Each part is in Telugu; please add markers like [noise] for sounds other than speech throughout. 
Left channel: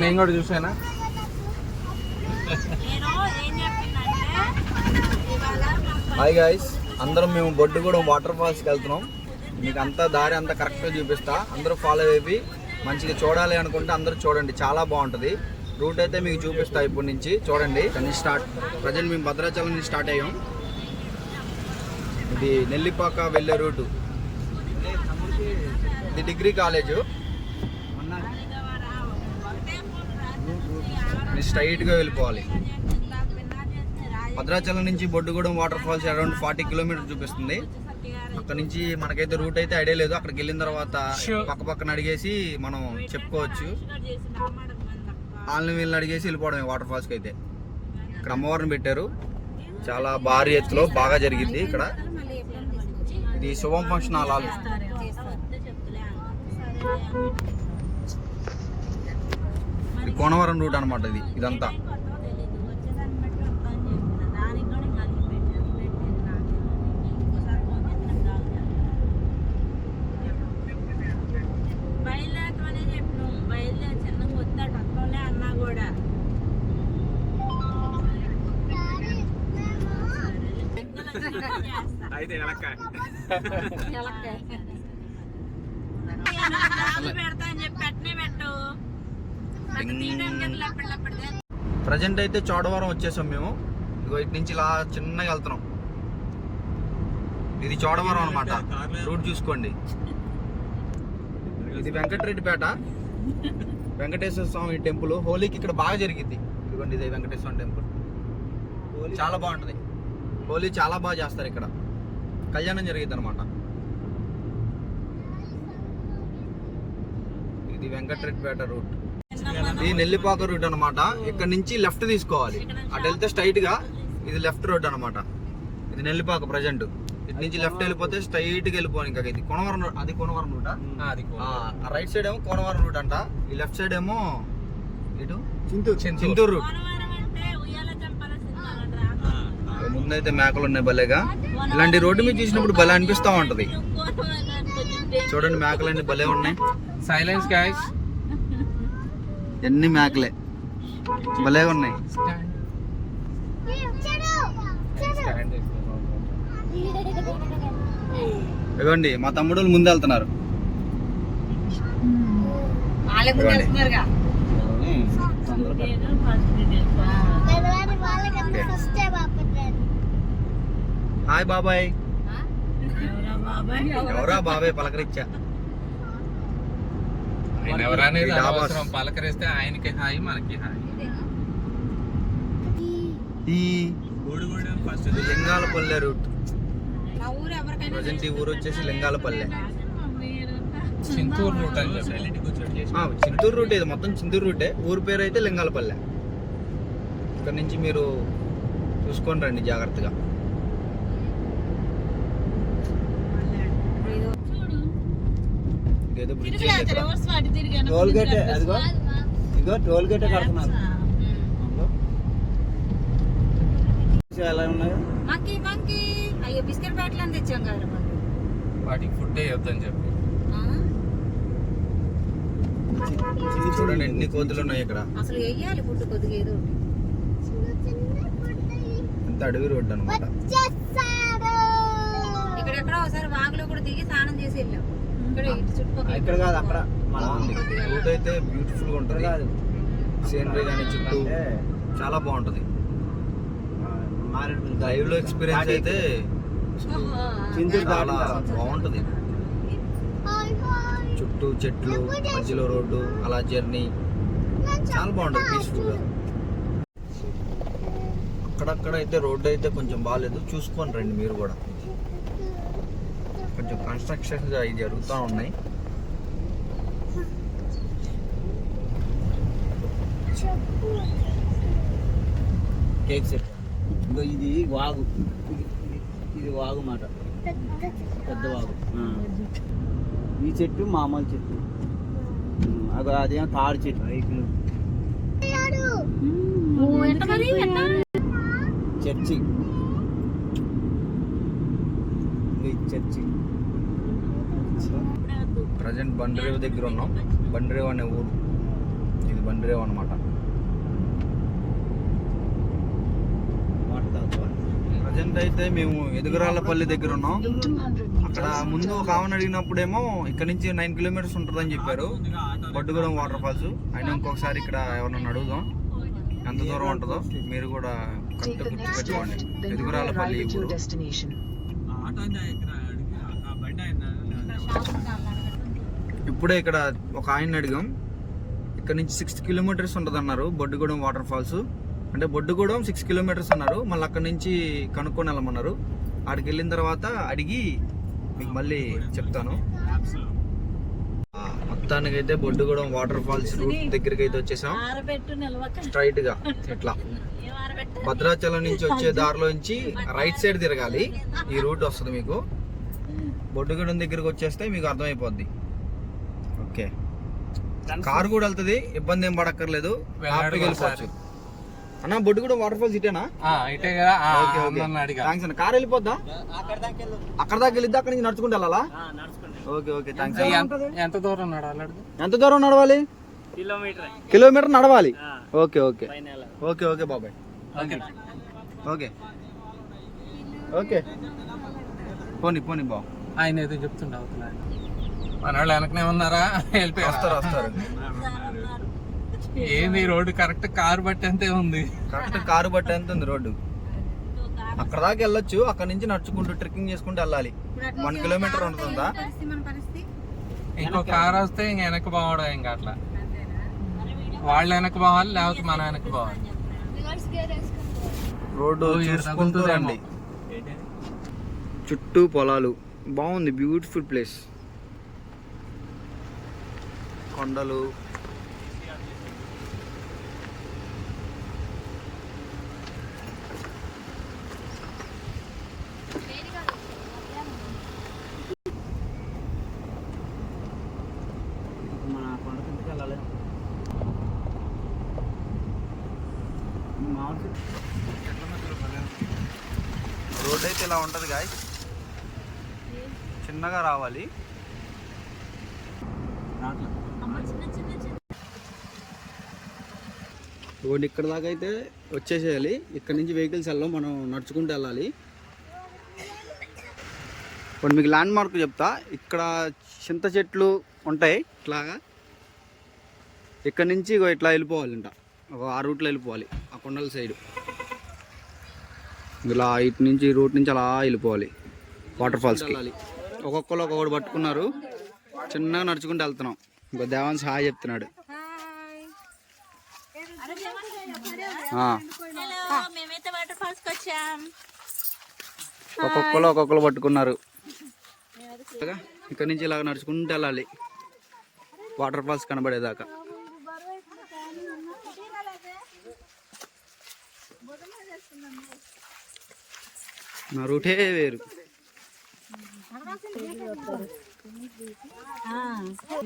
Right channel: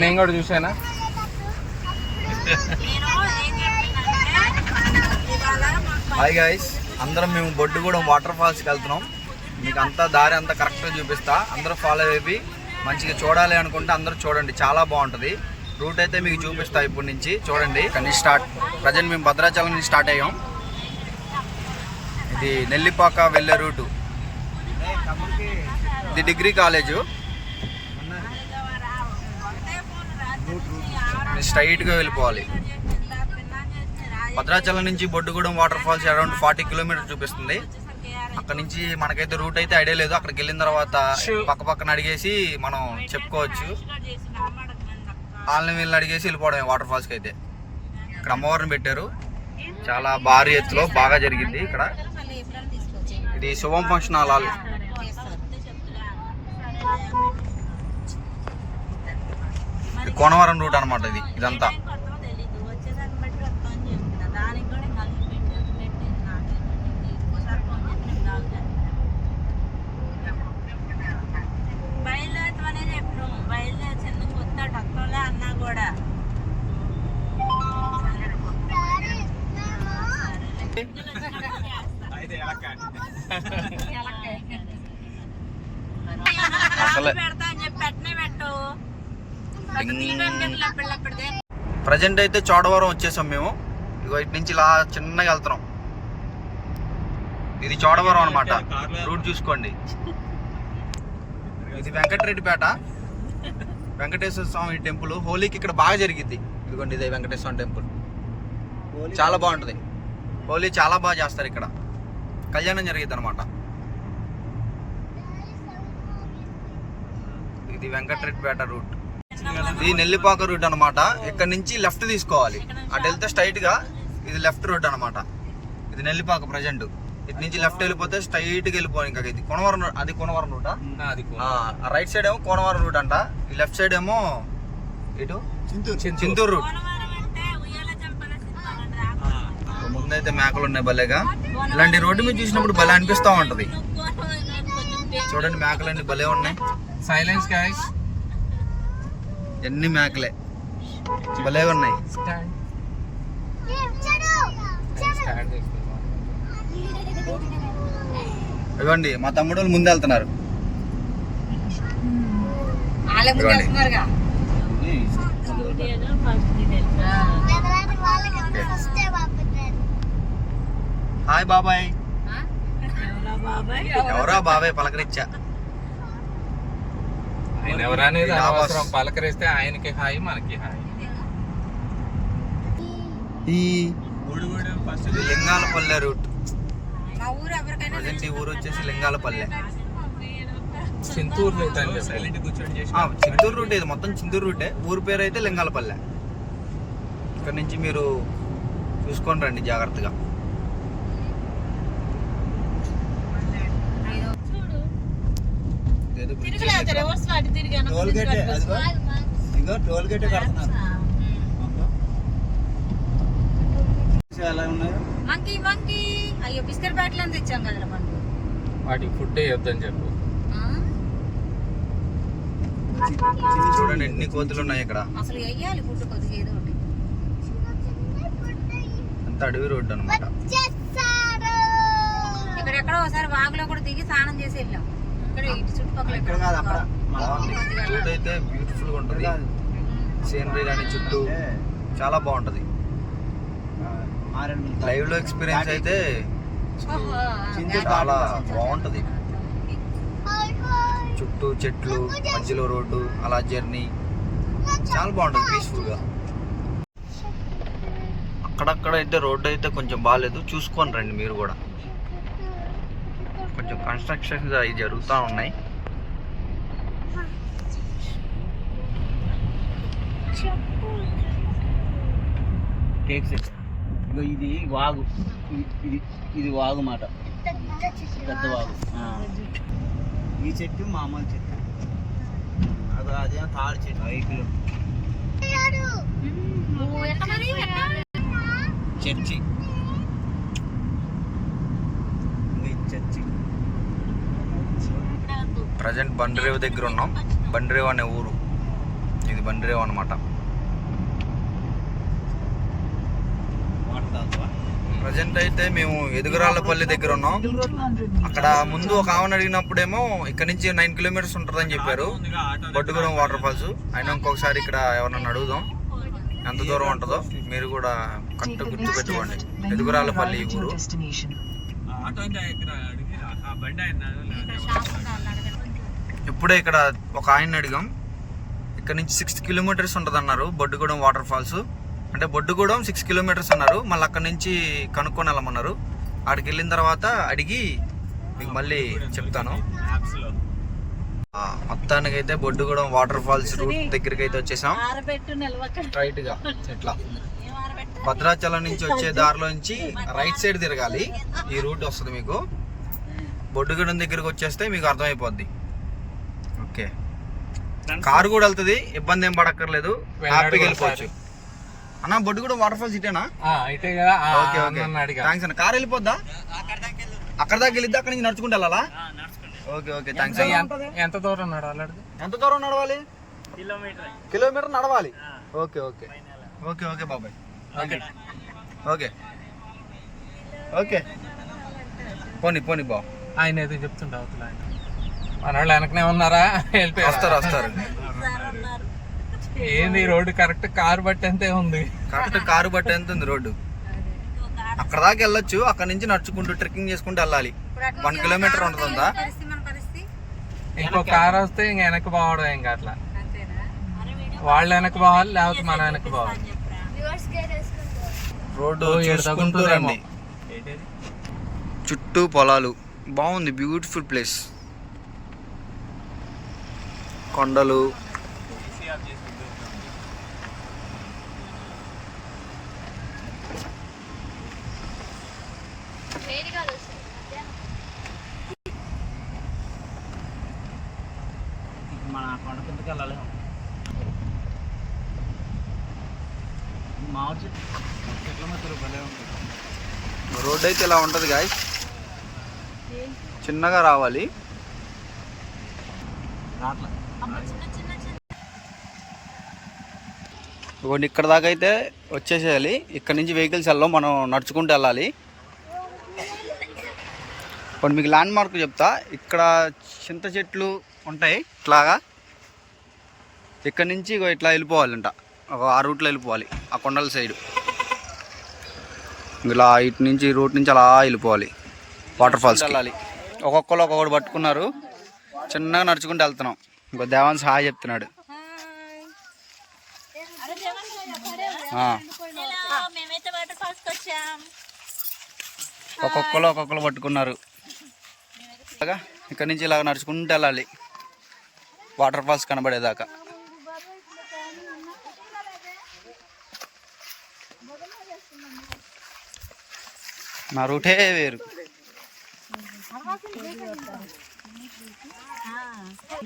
నేను కూడా చూసానా హాయ్ గాయస్ అందరం మేము బొడ్డుగూడెం వాటర్ ఫాల్స్కి వెళ్తున్నాం. మీకు అంతా దారి అంతా కరెక్ట్గా చూపిస్తా. అందరూ ఫాలో అయిపోయి మంచిగా చూడాలి అనుకుంటే అందరూ చూడండి చాలా బాగుంటుంది. రూట్ అయితే మీకు చూపిస్తా ఇప్పటి నుంచి. చూడండి కానీ స్టార్ట్. ప్రజెంట్ మేము భద్రాచలం నుంచి స్టార్ట్ అయ్యాం. ఇది నెల్లిపాక వెళ్ళే రూటు. ఇది డిగ్రీ కాలేజు. స్ట్రైట్గా వెళ్ళిపోవాలి. భద్రాచలం నుంచి Boddugudem water falls around forty kilometer చూపిస్తుంది. అక్కడ నుంచి మనకైతే రూట్ అయితే ఐడియా లేదు. అక్కడికి వెళ్ళిన తర్వాత పక్క పక్కన అడిగేసి మనం చెప్పుకోవచ్చు. వాళ్ళని వీళ్ళని అడిగేసి వెళ్ళిపోవడమే వాటర్ ఫాల్స్కి అయితే. ఇక్కడ అమ్మవారిని పెట్టారు. చాలా భారీ ఎత్తులో బాగా జరిగింది ఇక్కడ. ఇది శుభం ఫంక్షన్ హాల్. ఇది కోనవరం రూట్ అనమాట ఇది ఇదంతా బయలుదేరమనేది ఎప్పుడు బయలుదేరి చిన్నగా వస్తాడు అక్కడలే అన్నా కూడా అసలే పెడతా అని చెప్పి పెట్టనే పెట్టు పెద్ద తీయడానికి ఎట్లా [laughs] ప్రజెంట్ అయితే చోడవరం వచ్చేసాం మేము. ఇగో ఇటు నుంచి ఇలా చిన్నగా వెళ్తున్నాం. ఇది చోడవరం అనమాట రూట్ చూసుకోండి. ఇది వెంకటరెడ్డిపేట. వెంకటేశ్వర స్వామి టెంపుల్. హోలీకి ఇక్కడ బాగా జరిగింది. ఇదిగోండి ఇదే వెంకటేశ్వర స్వామి టెంపుల్. చాలా బాగుంటుంది. హోలీ చాలా బాగా చేస్తారు ఇక్కడ. కళ్యాణం జరిగింది అనమాట ఇది వెంకటరెడ్డిపేట రూట్. ఇది నెల్లిపాక రూట్ అన్నమాట. ఇక్కడ నుంచి లెఫ్ట్ తీసుకోవాలి. అటు వెళ్తే స్ట్రైట్గా ఇది లెఫ్ట్ రోడ్ అన్నమాట. ఇది నెల్లిపాక ప్రజెంట్. ఇటు నుంచి లెఫ్ట్ వెళ్ళిపోతే స్ట్రైట్గా వెళ్ళిపోయి ఇంకా ఇది కొనవరం road- అది కొనవరం రూటా? అది రైట్ సైడ్ ఏమో కోనవరం రూట్ అంట. ఈ లెఫ్ట్ సైడ్ ఏమో ఇటు? చింతూరు. చింతూరు రూట్ పోలవరం అంటే ఉయ్యాల చంపాల సినిమా రా ముందైతే మేకలు ఉన్నాయి భలేగా. ఇలాంటి రోడ్డు మీద చూసినప్పుడు భలే అనిపిస్తా ఉంటది. చూడండి మేకలన్నీ భలే ఉన్నాయి. సైలెన్స్ గైస్ ఎన్ని మేకలే. భలే ఉన్నాయి. స్టాండ్ ఇదిగోండి మా తమ్ముడు వాళ్ళు ముందు వెళ్తున్నారు హాయ్ బాబాయ్. ఎవరా బాబాయ్? పలకరించా. ఆయన ఎవరనేది. అవసరం పలకరిస్తే ఆయనకి హాయి మనకి హాయి. ఈ లింగాలపల్లె రూట్. మా ఊరు ఎవరికైనా ప్రజెంట్ ఈ ఊరు వచ్చేసి లింగాలపల్లె. చింతూరు రూట్ అని చింతూరు రూట్. ఇది. మొత్తం చింతూరు రూటే. ఊరు పేరు అయితే లింగాలపల్లె. ఇక్కడ నుంచి మీరు చూసుకొని రండి జాగ్రత్తగా. టోల్ గేట్ అదిగో. ఇదిగో టోల్ గేట్ కడుతున్నారు. ఎలా ఉన్నావు? మంకీ మంకీ అయ్యో బిస్కెట్ ప్యాకెట్లు అని తెచ్చాం కదరా మనం వాటికి ఫుడ్ వేయొద్దని చెప్పు. చూడండి ఎన్ని కోతులు ఉన్నాయి ఇక్కడ. అసలు వెయ్యాలి ఫుడ్ కొద్దిగా ఏదో ఒకటి. అంత అడవి రోడ్డు అనమాట ఇక్కడెక్కడో ఒకసారి వాగులో కూడా దిగి స్నానం చేసి వెళ్ళాం. ఇక్కడ కాదు అక్కడ రూట్ అయితే బ్యూటిఫుల్గా ఉంటది. సీనరీ కానీ చుట్టూ చాలా బాగుంటది. లైవ్లో ఎక్స్పీరియన్స్ అయితే చాలా బాగుంటది. చుట్టూ చెట్లు మధ్యలో రోడ్డు అలా జర్నీ. చాలా బాగుంటది పీస్ఫుల్గా. అక్కడక్కడ అయితే రోడ్డు అయితే కొంచెం బాగాలేదు. చూసుకొని రండి మీరు కూడా. కొంచెం కన్స్ట్రక్షన్స్ అవి జరుగుతూ ఉన్నాయి. కేక్ సెట్ ఇగో ఇది వాగు. ఇది ఇది వాగు మాట. పెద్ద వాగు. ఈ చెట్టు మామూలు చెట్టు. అది అదేమో తాడు చెట్టు ఐదు కిలో ఎంత మరి? ఎట్లా? చర్చి ఇది చర్చి. ప్రజెంట్ బండ్రేవ్ దగ్గర ఉన్నాం. బండ్రేవ్ అనే ఊరు. ఇది బండ్రేవ్ అనమాట ప్రజెంట్ అయితే మేము ఎదుగురాళ్ళపల్లి దగ్గర ఉన్నాం. అక్కడ ముందు ఒక ఆమెను అడిగినప్పుడేమో ఇక్కడ నుంచి నైన్ కిలోమీటర్స్ ఉంటుందని చెప్పారు. Boddugudem water falls. అయినా ఇంకొకసారి ఇక్కడ ఎవరన్నా అడుగుదాం. ఎంత దూరం ఉంటుందో మీరు కూడా కరెక్ట్ గుర్తు పెట్టుకోండి ఎదుగురాళ్ళపల్లి ఊరు. ఇప్పుడే ఇక్కడ ఒక ఆయన అడిగాం. ఇక్కడ నుంచి సిక్స్ కిలోమీటర్స్ ఉంటుంది అన్నారు బొడ్డుగూడెం వాటర్ ఫాల్స్ అంటే బొడ్డుగూడెం సిక్స్ కిలోమీటర్స్ అన్నారు. మళ్ళీ అక్కడ నుంచి కనుక్కొని వెళ్ళమన్నారు. అక్కడికి వెళ్ళిన తర్వాత అడిగి మీకు మళ్ళీ చెప్తాను. ఆ, మొత్తానికైతే బొడ్డుగూడెం వాటర్ ఫాల్స్ రూట్ దగ్గరికి అయితే వచ్చేసాం. ఆరబెట్టు నిలవక స్ట్రైట్గా ఇట్లా. ఏం ఆరబెట్టు భద్రాచలం నుంచి వచ్చే దారిలోంచి రైట్ సైడ్ తిరగాలి. ఈ రూట్ వస్తుంది మీకు. బొడ్డుగూడెం దగ్గరికి వచ్చేస్తే మీకు అర్థమైపోద్ది. ఓకే. కారు కూడా వెళ్తుంది ఇబ్బంది ఏం పడక్కర్లేదు హ్యాపీగా వెళ్ళిపోవచ్చు. అన్న బొడ్డుగూడెం వాటర్ ఫాల్స్ ఇటేనా ఓకే ఓకే. థ్యాంక్స్ అన్న. కారు వెళ్ళిపోద్దా? అక్కడ దాకా వెళ్ళిద్దా? అక్కడ నుంచి నడుచుకుంటూ వెళ్ళాలా? Okay okay. థ్యాంక్స్ ఎంత- ఎంత దూరం నడవాలి ఎంత దూరం నడవాలి? కిలోమీటర్. కిలోమీటర్ నడవాలి? Okay okay. ఓకే ఓకే బాబాయ్. ఓకే. ఓకే. ఓకే. పోనీ పోనీ బా. ఆయన అయితే చెప్తుండే అవతల ఆయన. మన వాళ్ళు వెనకనే ఉన్నారా? వెళ్ళిపోయారు? వస్తారు వస్తారు. ఏంది రోడ్డు? కరెక్ట్ కారు బట్టి అంతే ఉంది. కరెక్ట్ కారు బట్టి ఎంత ఉంది రోడ్డు. అక్కడ దాకా వెళ్ళొచ్చు. అక్కడ నుంచి నడుచుకుంటూ ట్రెక్కింగ్ చేసుకుంటూ వెళ్ళాలి. వన్ కిలోమీటర్ ఉంటుందా? పరిస్థితి మన పరిస్థితి? ఇంకో కారు వస్తే ఇంక వెనక్కి పోవడం ఇంకా అట్లా వాళ్ళు వెనక్కి పోవాలి లేకపోతే మన వెనక్కి పోవాలి. రోడ్డు చూసుకుంటూ. రండి. చుట్టూ పొలాలు. బాగుంది బ్యూటిఫుల్ ప్లేస్. కొండలు మన పండుగ కిందకి వెళ్ళలేము మామిడి చెట్టు రోడ్ అయితే ఇలా ఉంటది గాయస్ చిన్నగా రావాలి. ఇవ్వండి ఇక్కడ దాకా అయితే వచ్చేసేయాలి. ఇక్కడ నుంచి వెహికల్స్ వెళ్ళాం మనం నడుచుకుంటూ వెళ్ళాలి. ఇప్పుడు మీకు ల్యాండ్ మార్క్ చెప్తా. ఇక్కడ చింత చెట్లు ఉంటాయి ఇట్లాగా. ఇక్కడ నుంచి ఇట్లా వెళ్ళిపోవాలంట. ఒక ఆ రూట్లో వెళ్ళిపోవాలి ఆ కొండల సైడ్ ఇలా ఇటు నుంచి రూట్ నుంచి అలా వెళ్ళిపోవాలి. వాటర్ ఫాల్స్ వెళ్ళాలి. ఒక్కొక్కరు ఒక్కొక్కటి పట్టుకున్నారు. చిన్నగా నడుచుకుంటూ వెళ్తున్నాం. ఇంకో దేవాన్స్ హాయ్ చెప్తున్నాడు. ఒక్కొక్కరు ఒక్కొక్కరు పట్టుకున్నారు. ఇక్కడ నుంచి ఇలాగ నడుచుకుంటూ వెళ్ళాలి. వాటర్ ఫాల్స్ కనబడేదాకా. నా రూటే వేరు.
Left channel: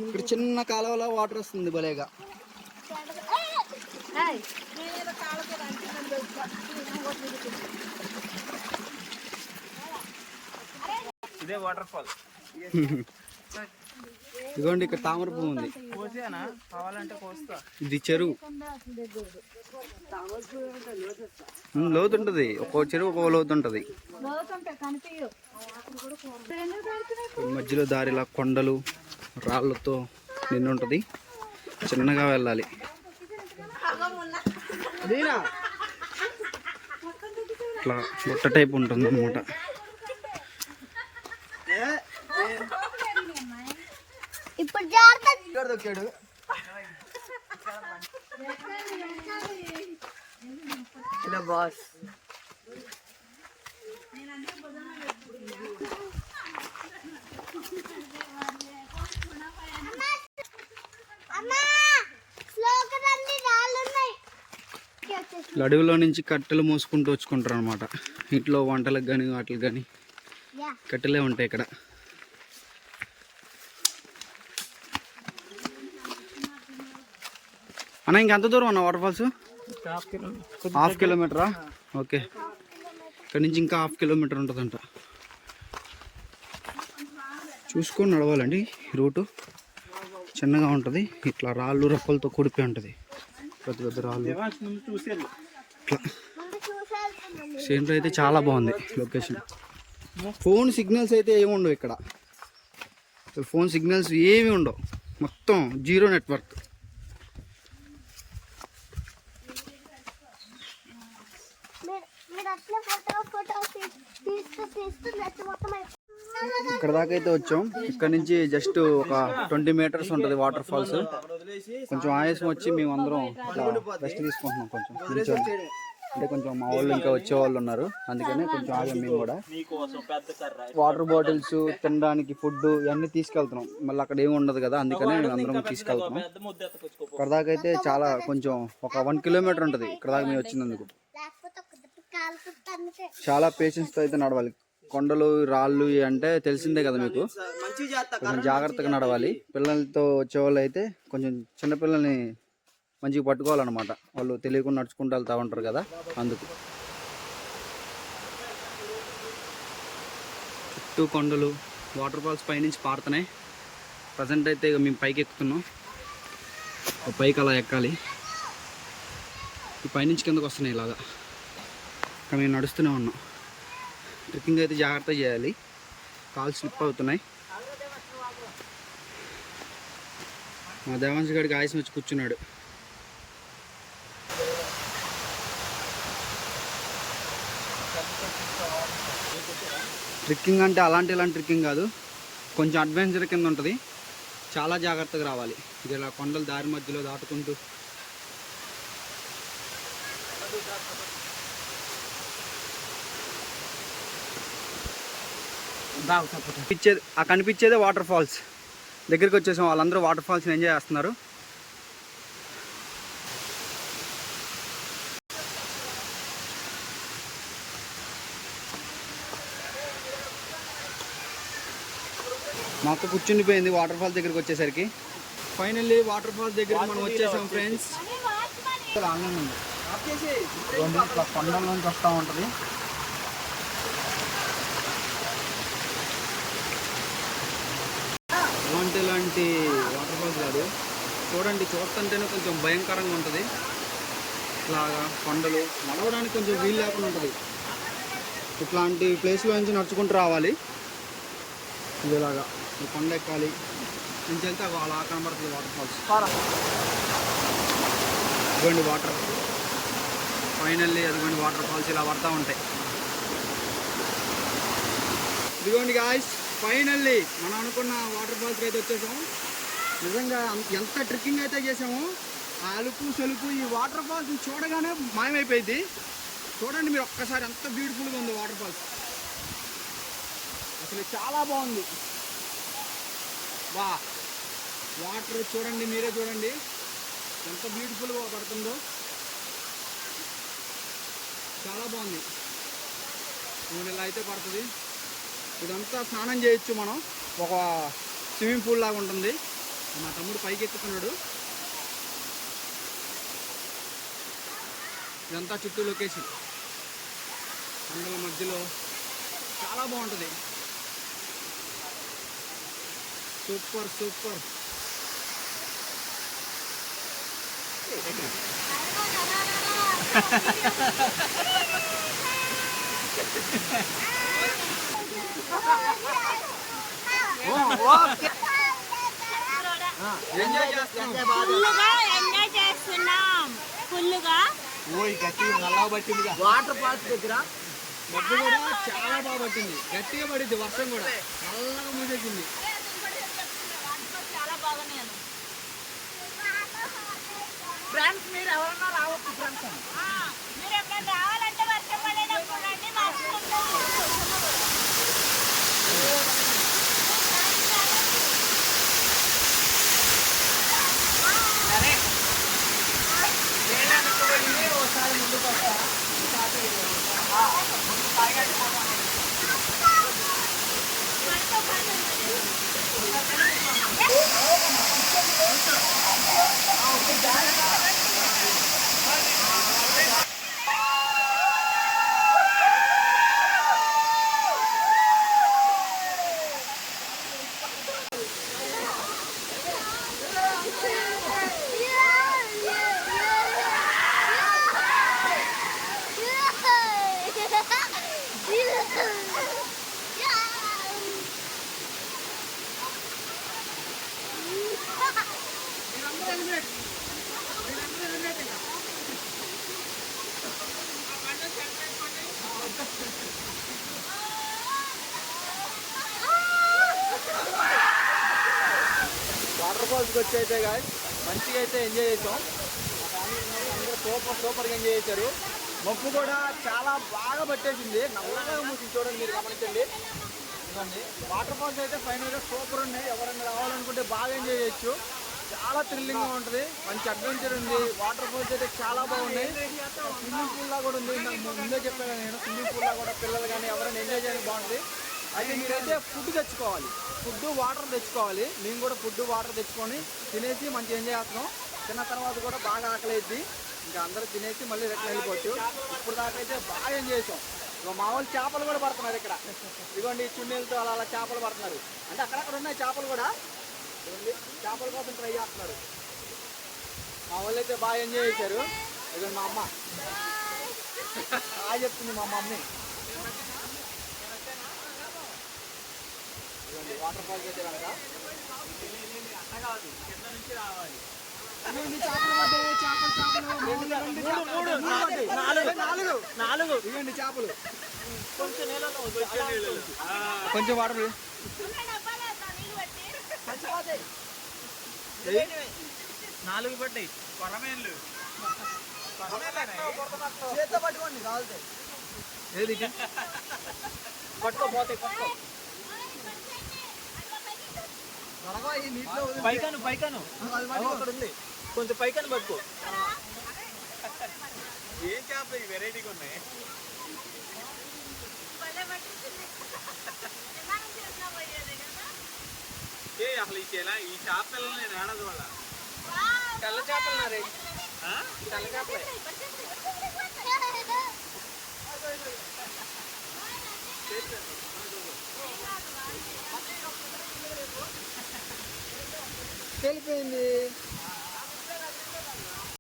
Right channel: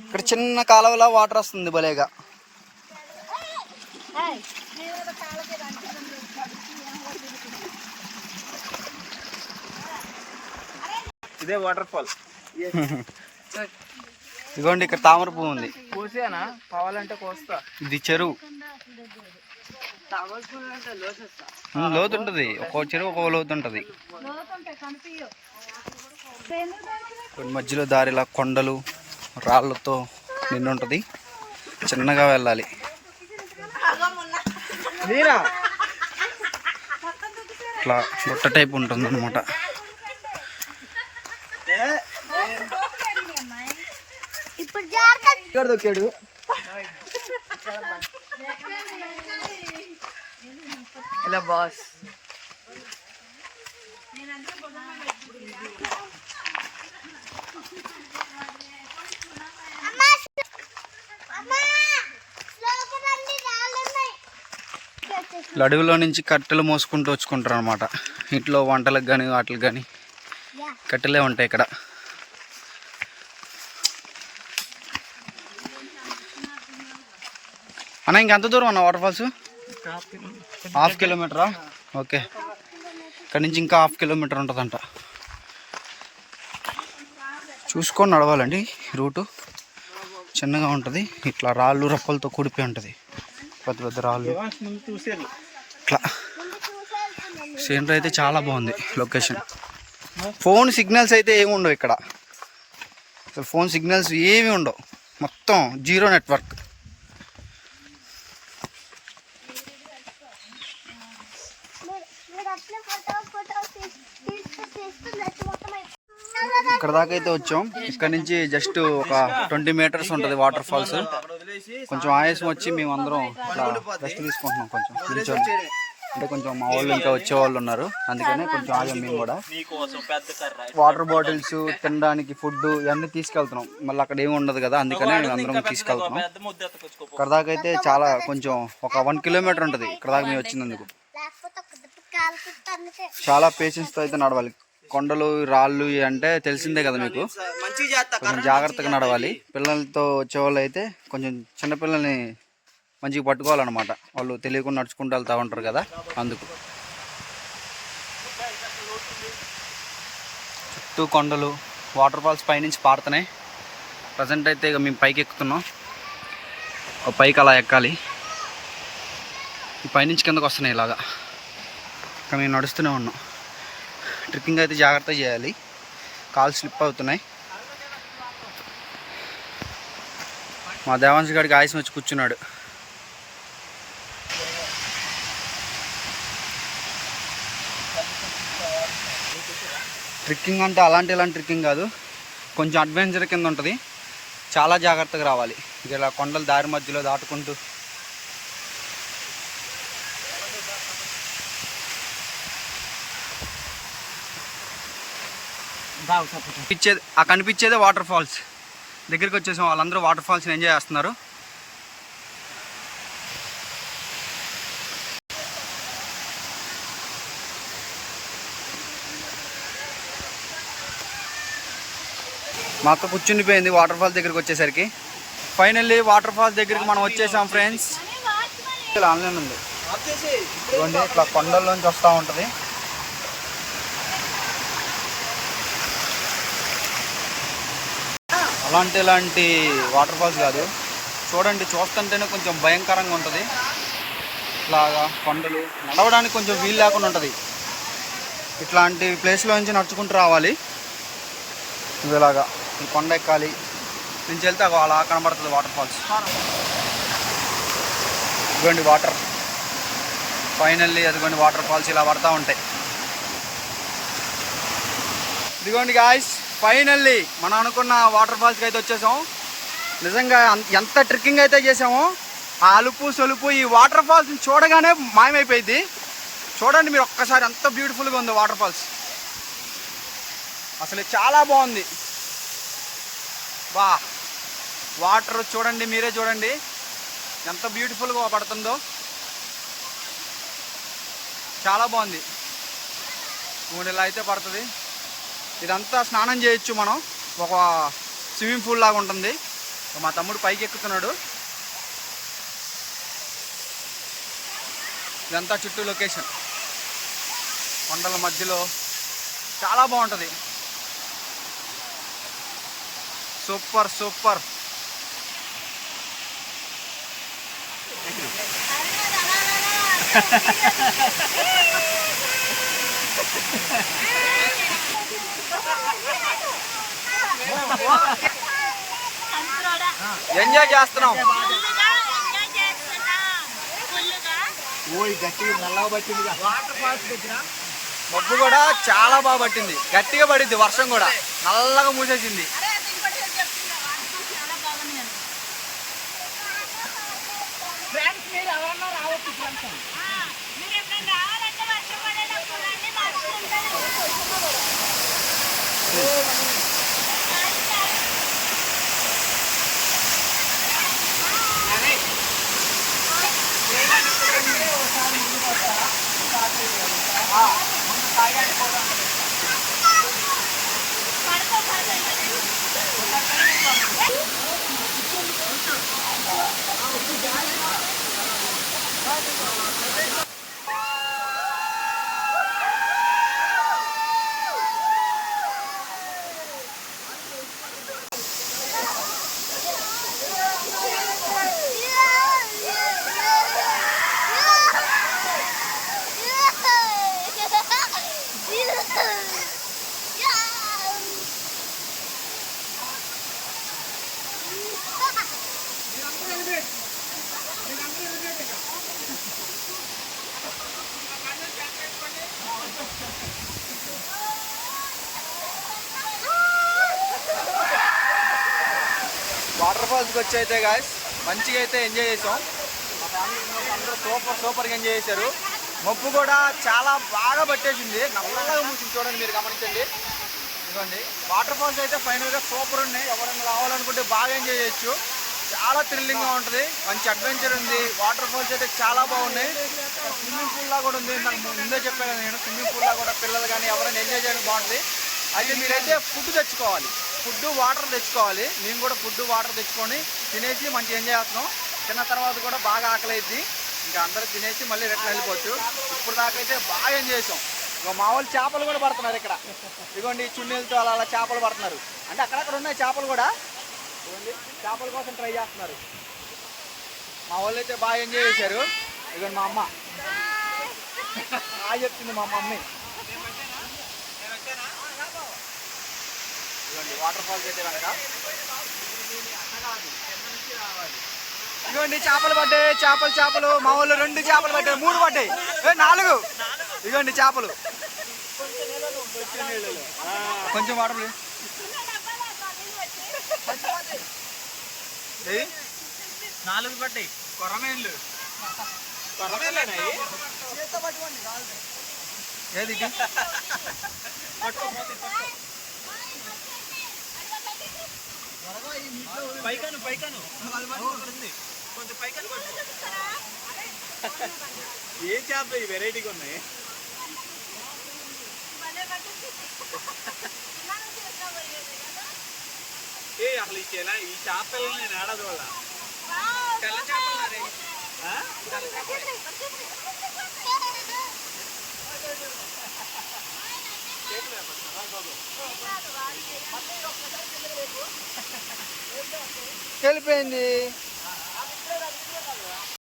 ఇక్కడ చిన్న కాలువలో వాటర్ వస్తుంది భలేగా. ఇదే వాటర్ ఫాల్ [laughs] ఇదిగోండి ఇక్కడ తామర పువ్వు ఉంది. కావాలంటే కోస్తా. ఇది చెరువు. లోతు ఉంటుంది. ఒక్కో చెరువు ఒక్కో లోతు ఉంటుంది. కొన్ని మధ్యలో దారిలా కొండలు రాళ్ళతో నిండి ఉంటుంది. చిన్నగా వెళ్ళాలి. ఇట్లా గుట్ట టైప్ ఉంటుంది అనమాట [laughs] ఇలా బాస్ ఇలా అడవిలో నుంచి కట్టెలు మోసుకుంటూ వచ్చుకుంటారు అనమాట ఇంట్లో వంటలకు కానీ వాటికి కానీ కట్టెలే ఉంటాయి ఇక్కడ. అన్న ఇంకెంత దూరం అన్న వాటర్ ఫాల్స్ హాఫ్ కిలోమీటరా? ఓకే. ఇక్కడ నుంచి ఇంకా హాఫ్ కిలోమీటర్ ఉంటుందంట. చూసుకొని నడవాలండి రూటు. చిన్నగా ఉంటుంది. ఇట్లా రాళ్ళు రప్పలతో కూడిపోయి ఉంటుంది. పెద్ద పెద్ద రాళ్ళు. ఇట్లా. సీనరీ అయితే చాలా బాగుంది లొకేషన్. ఫోన్ సిగ్నల్స్ అయితే ఏమి ఉండవు ఇక్కడ. అసలు ఫోన్ సిగ్నల్స్ ఏమి ఉండవు. మొత్తం జీరో నెట్వర్క్. ఇక్కడ దాకా అయితే వచ్చాం. ఇక్కడ నుంచి జస్ట్ ఒక ట్వంటీ మీటర్స్ ఉంటుంది వాటర్ ఫాల్స్. కొంచెం ఆయాసం వచ్చి మేము అందరం ఇట్లా రెస్ట్ తీసుకుంటున్నాం కొంచెం అంటే కొంచెం మా వాళ్ళు ఇంకా వచ్చే వాళ్ళు ఉన్నారు. అందుకనే కొంచెం ఆగాం మేము కూడా. వాటర్ బాటిల్స్ తినడానికి ఫుడ్ ఇవన్నీ తీసుకెళ్తున్నాం. మళ్ళీ అక్కడ ఏమి ఉండదు కదా అందుకనే మేము అందరం తీసుకెళ్తున్నాం. ఇక్కడ దాకా అయితే చాలా కొంచెం ఒక వన్ కిలోమీటర్ ఉంటుంది. ఇక్కడ దాకా మేము వచ్చినందుకు. చాలా పేషెన్స్తో అయితే నడవాలి. కొండలు రాళ్ళు అంటే తెలిసిందే కదా మీకు? కొంచెం జాగ్రత్తగా నడవాలి. పిల్లలతో వచ్చేవాళ్ళు అయితే కొంచెం చిన్నపిల్లల్ని మంచిగా పట్టుకోవాలన్నమాట. వాళ్ళు తెలియకుండా నడుచుకుంటూ వెళ్తూ ఉంటారు కదా అందుకు. చుట్టూ కొండలు వాటర్ ఫాల్స్ పైనుంచి పారుతున్నాయి. ప్రజెంట్ అయితే ఇక మేము పైకి ఎక్కుతున్నాం. ఒక పైకి అలా ఎక్కాలి. ఈ పైనుంచి కిందకు వస్తున్నాయి ఇలాగా. ఇంకా మేము నడుస్తూనే ఉన్నాం. ట్రిప్పింగ్ అయితే జాగ్రత్త చేయాలి. కాలు స్లిప్ అవుతున్నాయి. మా దేవాంశ్ గారికి ఆయుసం వచ్చి కూర్చున్నాడు. ట్రిక్కింగ్ అంటే అలాంటి ఇలాంటి ట్రిక్కింగ్ కాదు. కొంచెం అడ్వెంచర్ కింద ఉంటుంది. చాలా జాగ్రత్తగా రావాలి. ఇది ఇలా కొండల దారి మధ్యలో దాటుకుంటూ కనిపించేది ఆ కనిపించేదే వాటర్ ఫాల్స్ దగ్గరికి వచ్చేసాం వాళ్ళందరూ వాటర్ ఫాల్స్ని ఎంజాయ్ చేస్తున్నారు. మా అక్క కూర్చుండిపోయింది వాటర్ ఫాల్స్ దగ్గరికి వచ్చేసరికి. ఫైనల్లీ వాటర్ ఫాల్స్ దగ్గరికి మనం వచ్చేసాం ఫ్రెండ్స్ ఆన్లైన్ ఉంది. కొండల్లోంచి వస్తూ ఉంటుంది. అలాంటి ఇలాంటి వాటర్ ఫాల్స్ కాదు. చూడండి చూస్తుంటేనే కొంచెం భయంకరంగా ఉంటుంది. ఇట్లాగా కొండలు నడవడానికి కొంచెం వీలు లేకుండా ఉంటుంది. ఇట్లాంటి ప్లేస్లో నుంచి నడుచుకుంటూ రావాలి. ఇలాగా ఈ కొండ ఎక్కాలి. నుంచి వెళ్తే అలా కనబడుతుంది వాటర్ ఫాల్స్. ఇదిగోండి వాటర్. ఫైనల్లీ అదిగోండి వాటర్ ఫాల్స్ ఇలా పడతా ఉంటాయి. ఇదిగోండి గాయస్ ఫైనల్లీ మనం అనుకున్న వాటర్ ఫాల్స్కి అయితే వచ్చేసాం. నిజంగా ఎంత ట్రెక్కింగ్ అయితే చేసామో ఆ అలుపు సొలుపు ఈ వాటర్ ఫాల్స్ని చూడగానే మాయమైపోయింది. చూడండి మీరు ఒక్కసారి ఎంత బ్యూటిఫుల్గా ఉంది వాటర్ ఫాల్స్. అసలు చాలా బాగుంది. బా వాటర్ చూడండి మీరే చూడండి. ఎంత బ్యూటిఫుల్గా పడుతుందో. చాలా బాగుంది. మూడు ఇలా అయితే పడుతుంది. ఇదంతా స్నానం చేయొచ్చు మనం. ఒక స్విమ్మింగ్ పూల్ లాగా ఉంటుంది. మా తమ్ముడు పైకి ఎక్కుతున్నాడు ఇదంతా చుట్టూ లొకేషన్. కొండల మధ్యలో చాలా బాగుంటుంది. Super super. Ha [laughs] ఎంజాయ్ చేస్తున్నాం. మబ్బు కూడా చాలా బాగా పట్టింది. గట్టిగా పడింది వర్షం కూడా. నల్లగా మూసేసింది. ఫ్రెండ్స్ మీరు ఎవరన్నా రావచ్చు friends Oh, good guy. Water ఫాల్స్కి వచ్చి అయితే గాయస్ మంచిగా అయితే ఎంజాయ్ చేసాం. మా ఫ్యామిలీ అందరూ సూపర్ సూపర్గా ఎంజాయ్ చేశారు. మబ్బు కూడా చాలా బాగా పట్టేసింది. నల్లగా మూసి చూడండి మీరు గమనించండి. ఇవ్వండి వాటర్ ఫాల్స్ అయితే ఫైనల్గా సూపర్ ఉన్నాయి. ఎవరైనా రావాలనుకుంటే బాగా ఎంజాయ్ చేయొచ్చు. చాలా థ్రిల్లింగ్గా ఉంటుంది. మంచి అడ్వెంచర్ ఉంది. వాటర్ ఫాల్స్ అయితే చాలా బాగున్నాయి. స్విమ్మింగ్ పూల్ లా కూడా ఉంది. నాకు ముందే చెప్పాను కదా నేను స్విమ్మింగ్ పూల్ లా కూడా పిల్లలు కానీ ఎవరైనా ఎంజాయ్ చేయడానికి బాగుంటుంది. అయితే మీరైతే ఫుడ్ తెచ్చుకోవాలి. ఫుడ్ వాటర్ తెచ్చుకోవాలి. మేము కూడా ఫుడ్ వాటర్ తెచ్చుకొని తినేసి మంచి ఎంజాయ్ చేస్తున్నాం. తిన్న తర్వాత కూడా బాగా ఆకలి ఇంకా అందరూ తినేసి మళ్ళీ రిటర్న్ వెళ్ళిపోవచ్చు. ఇప్పుడు దాకా అయితే బాగా ఎంజాయ్ చేసాం. ఇక మా వాళ్ళు చేపలు కూడా పడుతున్నారు ఇక్కడ. ఇదిగోండి చున్నీలతో అలా అలా చేపలు పడుతున్నారు. అంటే అక్కడక్కడ ఉన్నాయి చేపలు కూడా. చేపల కోసం ట్రై చేస్తున్నారు. మా వాళ్ళు అయితే బాగా ఎంజాయ్ చేశారు. ఇక మా అమ్మ. బాగా చెప్తుంది మా మమ్మీ ఇదిగోండి వాటర్ ఫాల్స్ అయితే కనుక ఇదిగోండి చేపలు పడ్డాయి. చేపలు చేపలు. మా వాళ్ళు రెండు చేపలు పడ్డాయి. మూడు పడ్డాయి. నాలుగు. ఇదిగోండి చేపలు. కొంచెం వాటర్ నాలుగు పడ్డాయి. ఏది? పైకాను పైకాను. కొంచెం పైకాను పట్టుకో. ఏ చేప ఈ వెరైటీగా ఉంది ఏ అసలు ఈ చేలా ఈ చేపలు నేను ఏడా చూడ తెల్ల చేపలు నాది తెల్ల చేపలు. వెళ్ళిపోయింది.